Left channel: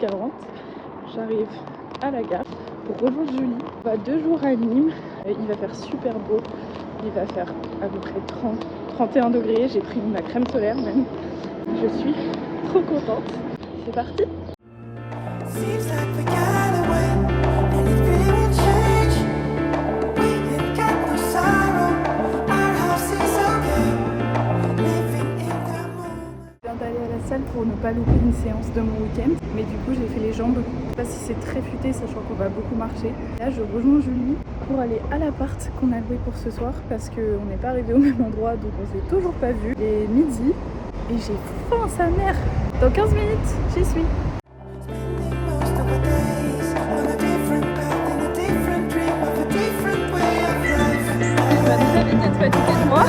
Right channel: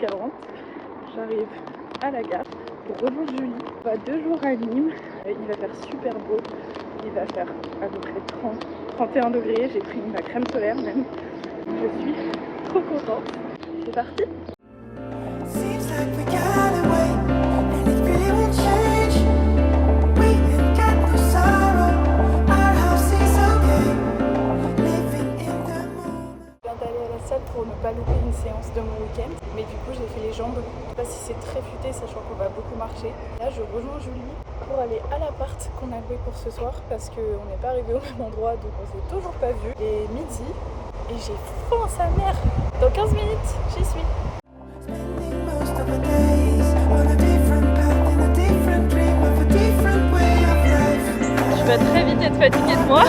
17h40. J'arrive à la gare pour rejoindre Julie. On va 2 jours à Nîmes. Il va faire super beau. Il va faire à peu près 31 degrés. J'ai pris ma crème solaire même. Je suis trop contente. C'est parti! Pour ne pas louper une séance de mon week-end, mais du coup j'ai fait les jambes. Je sais pas si c'est très futé sachant qu'on va beaucoup marcher. Là je rejoins Julie pour aller à l'appart qu'on a loué pour ce soir parce qu'on n'est pas arrivé au même endroit donc on s'est toujours pas vu. Il est midi et j'ai faim sa mère. Dans 15 minutes j'y suis. Je vais très vite être fatiguée de moi.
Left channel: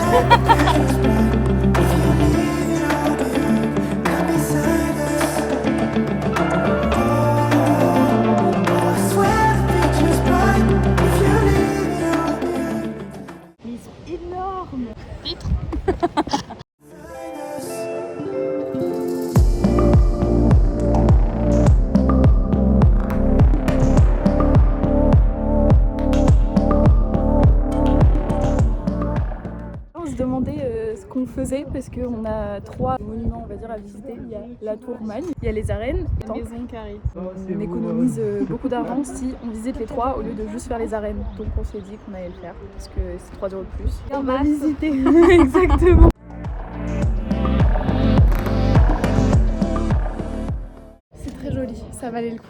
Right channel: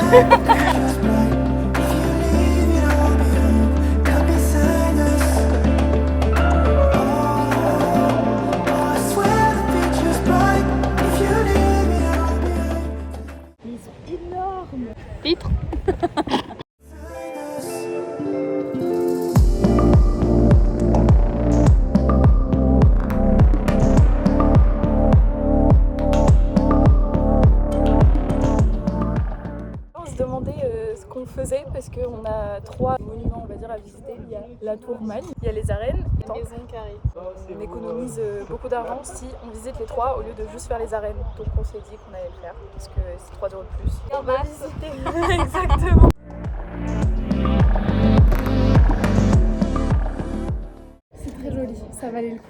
Parce qu'on a 3 monuments on va dire à visiter. Il y a la tour Mogne, il y a les arènes, la maison carrée. On économise beaucoup d'argent si on visite les 3 au lieu de juste faire les arènes. Donc on s'est dit qu'on allait le faire parce que c'est 3 € de plus. Et on va visiter. Exactement. C'est très joli, ça valait le coup.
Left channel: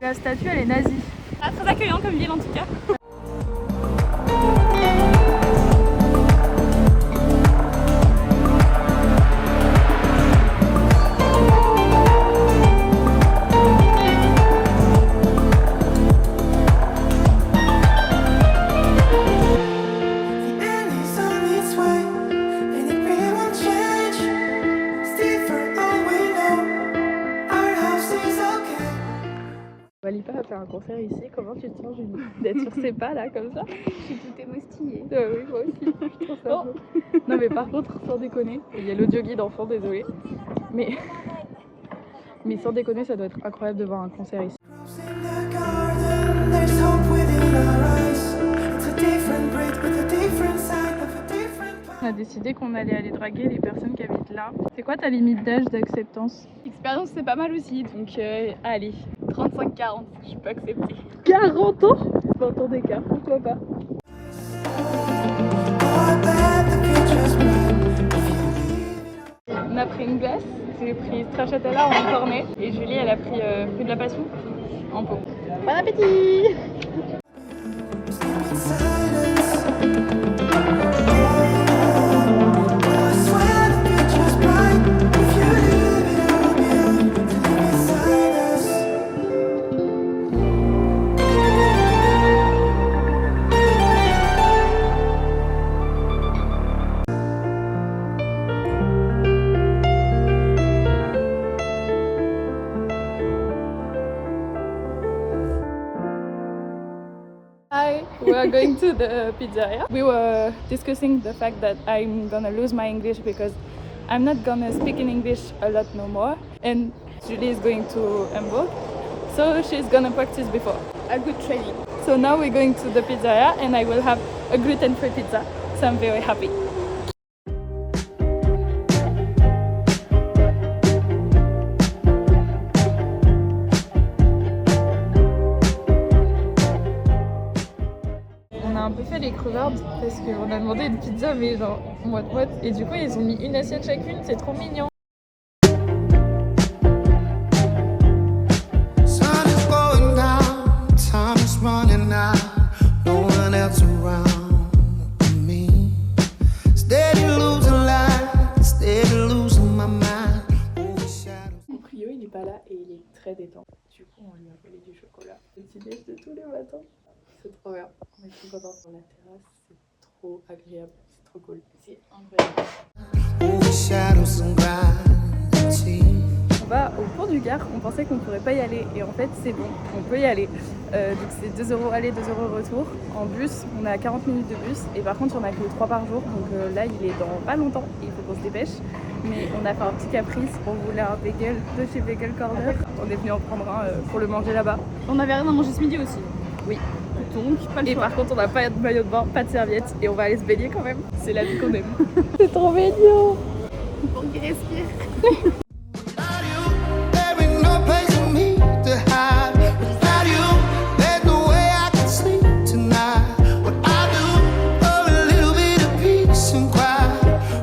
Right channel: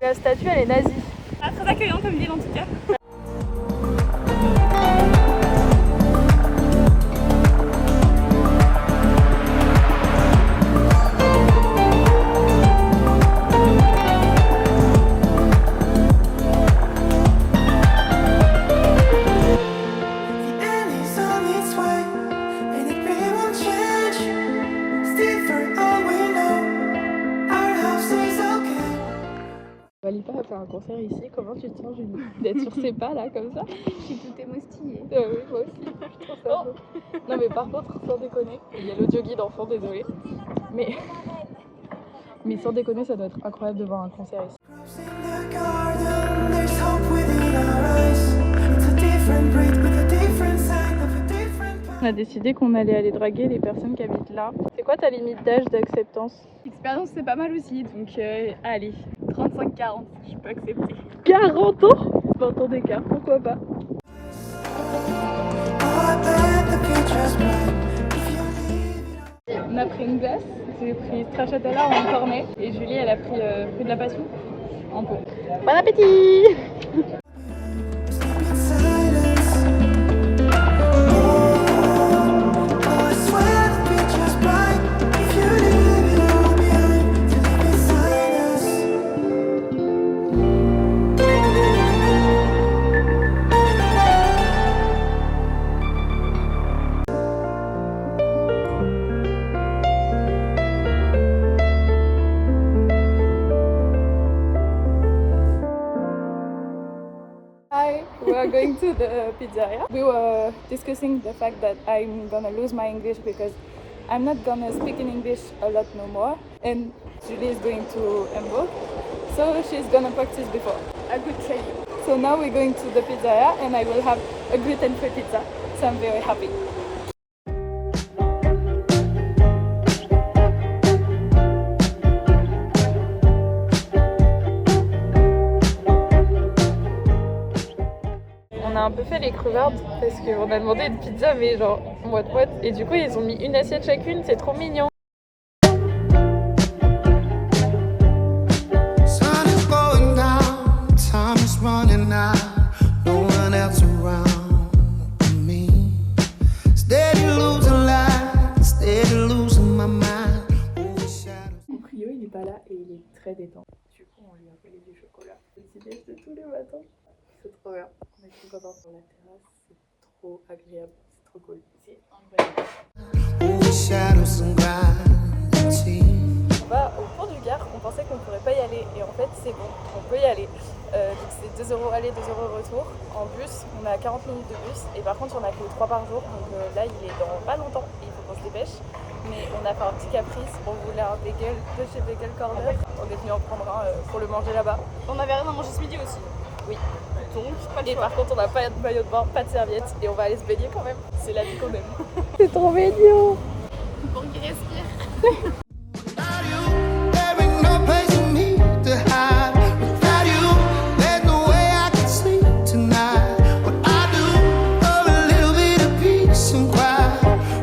La statue elle est nazie. Ah, très accueillant comme ville en tout cas. Walipa va faire un concert ici, comment tu te sens Julie d'être sur ses pas là comme ça? Je suis tout émoustillée. Oui moi aussi, je trouve ça beau. Non mais par contre sans déconner, il y a l'audio guide en fond, désolé. Mais sans déconner ça doit être incroyable de voir un concert ici. On a décidé qu'on allait aller draguer les personnes qui habitent là. C'est quoi ta limite d'âge d'acceptance? L'expérience c'est pas mal aussi, donc allez, 35-40, je peux accepter. 40 ans? 20 ans d'écart, pourquoi pas? On a pris une glace, j'ai pris stracciatella en cornet et Julie elle a pris fruit de la passion en pot. Bon appétit! We are going to the pizzeria. We were discussing the fact that I'm gonna lose my English because I'm not gonna speak in English a lot no more. And Julie is going to Hamburg, so she's gonna practice before. A good training. So now we're going to the pizzeria and I will have a gluten-free pizza. So I'm very happy. On a un peu fait les crevardes parce qu'on a demandé une pizza mais genre moite-moite et du coup ils ont mis une assiette chacune, c'est trop mignon. Mon Prio il est pas là et il est très détente. Du coup on lui a volé du chocolat. Petit déj de tous les matins. C'est trop bien. On est trop contents sur la terrasse. C'est trop agréable. C'est trop cool. C'est incroyable. On va au pont du Gard. On pensait qu'on pourrait pas y aller et en fait c'est bon. On peut y aller. Donc c'est 2 € aller, 2 € retour. En bus, on a 40 minutes de bus et par contre il y en a que 3 par jour. Donc là il est dans pas longtemps et il faut qu'on se dépêche. Mais on a fait un petit caprice, on voulait un bagel de chez Bagel Corner. On est venu en prendre un pour le manger là-bas. On avait rien à manger ce midi aussi. Oui. Donc, pas le Et choix. par contre, on n'a pas de maillot de bain, pas de serviette et on va aller se baigner quand même. C'est la vie qu'on aime. C'est trop mignon. Pour qu'il respire. Without you, there ain't no place for me to hide. Without you, there's no way I can sleep tonight. What I do for a little bit of peace and quiet.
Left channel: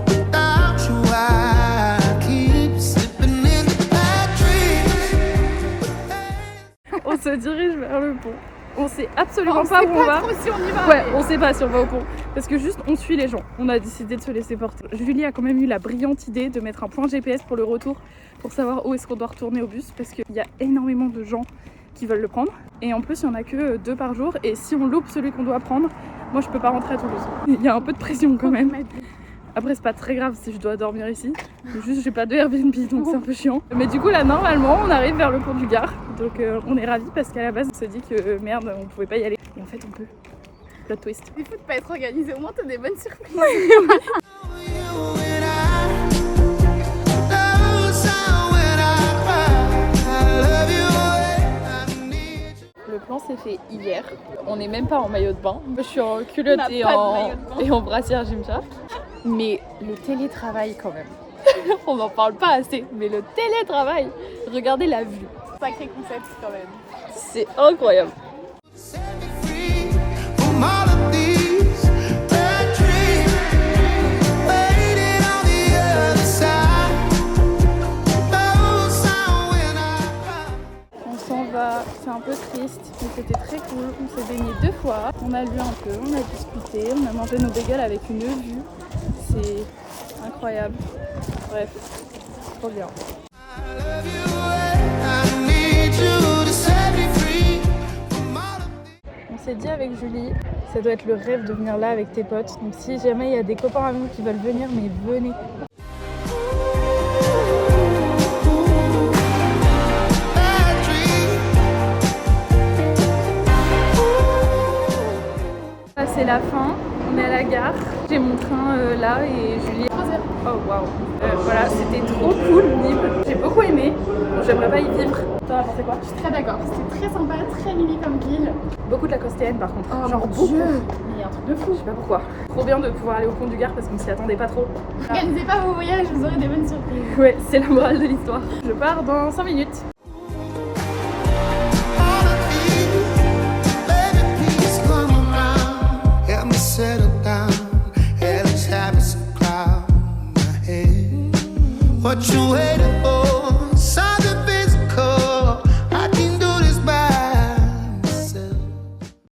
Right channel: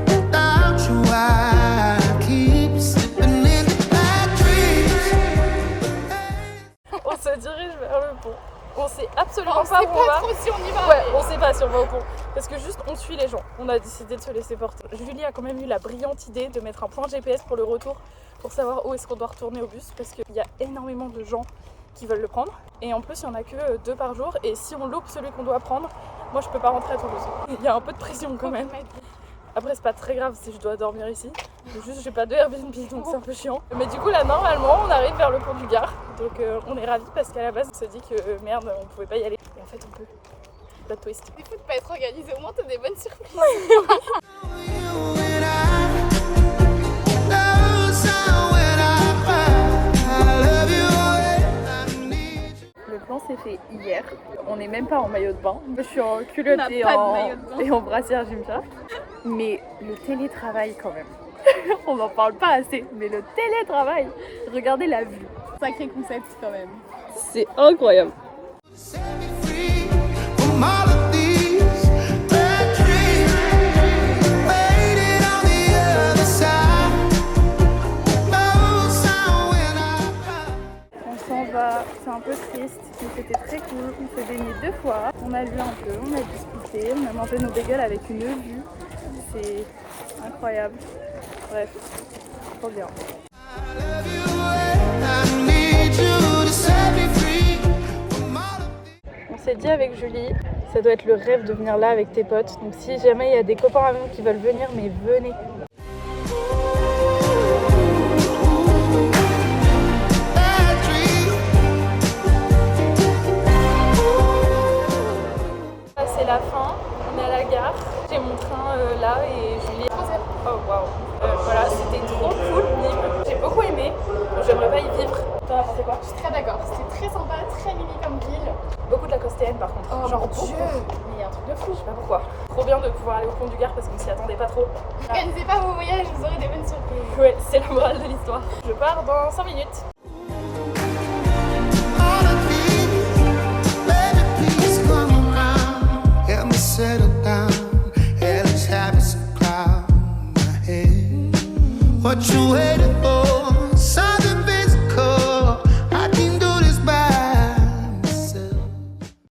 Without you, I keep slipping into bad dreams. On se dirige vers le pont. On sait absolument On pas sait où on pas va. trop si on y va. Ouais, mais- on sait pas si on va au pont. Parce que juste on suit les gens. On a décidé de se laisser porter. Julie a quand même eu la brillante idée de mettre un point GPS pour le retour pour savoir où est-ce qu'on doit retourner au bus parce qu'il y a énormément de gens qui veulent le prendre. Et en plus, il y en a que 2 par jour. Et si on loupe celui qu'on doit prendre, moi je peux pas rentrer à Toulouse. Il y a un peu de pression quand même. Après, c'est pas très grave si je dois dormir ici. Juste, j'ai pas de Airbnb donc c'est un peu chiant. Mais du coup, là, normalement, on arrive vers le pont du Gard. Donc, on est ravis parce qu'à la base, on s'est dit que merde, on pouvait pas y aller. Et en fait, on peut. Plot twist. Il faut pas être organisé, au moins t'as des bonnes surprises. You and I know sound when I cry. I love you and I need you. Le plan s'est fait hier. On n'est même pas en maillot de bain. Je suis en culotte On n'a et pas de en, maillot de bain. et en brassière Gymshark. Mais le télétravail quand même. On n'en parle pas assez, mais le télétravail. Regardez la vue. Sacré concept quand même. C'est incroyable. Set me free from all of these bad dreams. Waiting on the other side. No sound when I cry. On s'en va, c'est un peu triste, mais c'était très cool. On s'est baigné 2 fois, on a lu un peu, on a discuté, on a mangé nos bagels avec une vue. C'est incroyable. Bref, trop bien. I love you and I need you to set me free from all of these. On s'est dit avec Julie, ça doit être le rêve de venir là avec tes potes. Donc si jamais il y a des copains à nous qui veulent venir, mais venez. Bad dream. Là, c'est la fin, on est à la gare. J'ai mon train là et Julie. Oh waouh! Voilà, c'était trop cool, Nîmes. J'ai beaucoup aimé. Bon, j'aimerais pas y vivre. T'en as pensé quoi? Je suis très d'accord. C'était très sympa, très mimi comme ville. Beaucoup de la costéenne par contre. Oh Genre mon beaucoup. Dieu. Mais il y a un truc de fou. Je sais pas pourquoi. Trop bien de pouvoir aller au pont du Gard parce qu'on s'y attendait pas trop. Ah. Organisez pas vos voyages, vous aurez des bonnes surprises. Ouais, c'est la morale de l'histoire. Je pars dans 5 minutes. All of these, baby, please come around. Help me settle down. Hell is having some cloud in my head. What you waiting